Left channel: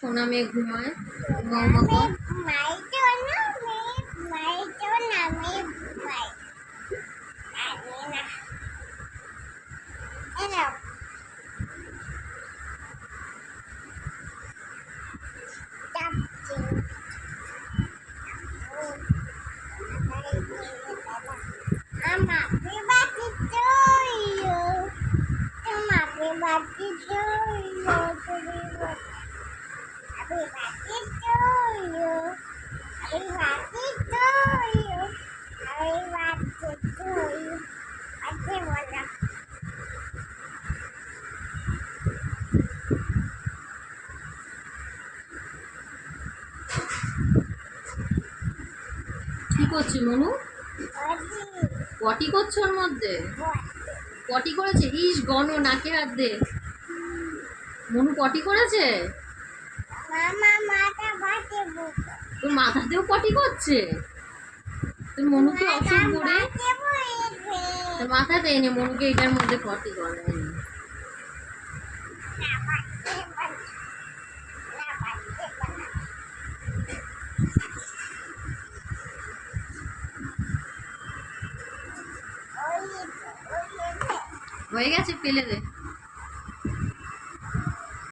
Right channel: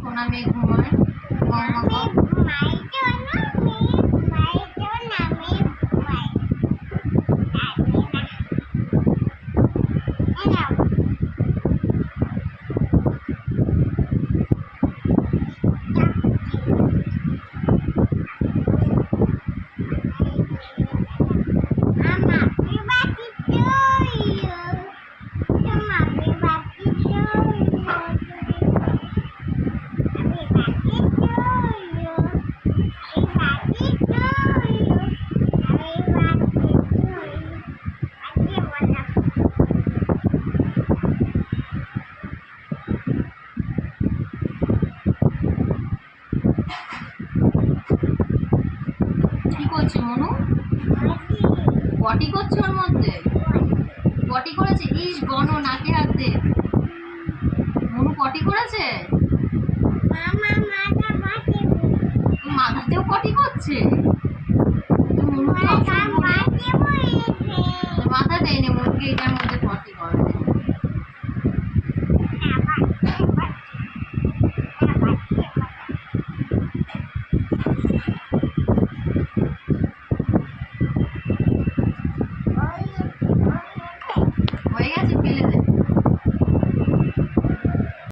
সোনা মেয়ে ঘুমায়, বৌমা কর। কি করছে মনু? পটি করছে ওর মধ্যে? পটি করেছে? ইস গণ, নাকে হাত দে। মনু পটি করেছে? তোর মাথাতেও পটি করছে? তোর মনু কি অসুখ করে? তোর মাথা দেয়নি মনুকে এটার মধ্যে পটি করে। হয়ে গেছে, ফেলে দে।